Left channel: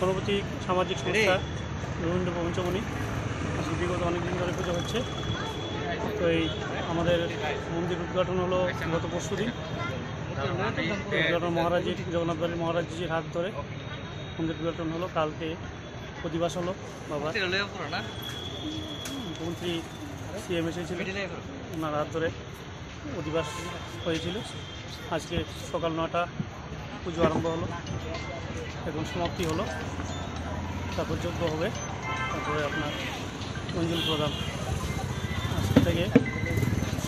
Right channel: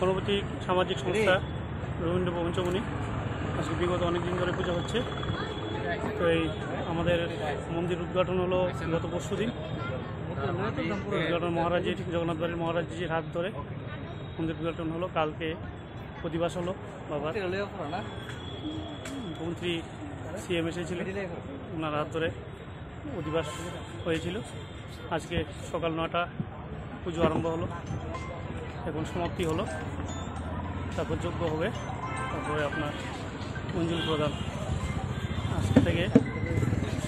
পরবর্তী সামাজিক সংস্থা রবীন্দ্র পঞ্চমণি বিগত অনেকদিন ধরে পুজো হচ্ছে। তো এই আমাদের মন্দির উদ্ঘাটন হলো গত পরশু দিন। উদ্ঘাটন মহারাজের জগন্নাথ বাড়ির মহারাজজির হাত ধরে মন্দির উদ্ঘাটন হলো। কালকে প্রতিবাস হলো বাবা মুখ্যমন্ত্রী সিএম এসেছিল, ওনার হাত ধরে অধিবাস হয়েছিল। আজকে সকাল 9টা পুজো আরম্ভ হলো, এখন সমাপ্তি হলো, তারপর যজ্ঞ হবে, তারপরে আপনার অঞ্জলি প্রদান। আজকে থেকে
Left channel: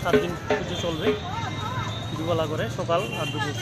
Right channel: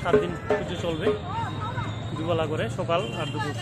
7 দিন পুজো চলবে, দুবেলা করে, সকাল আর দুপুর।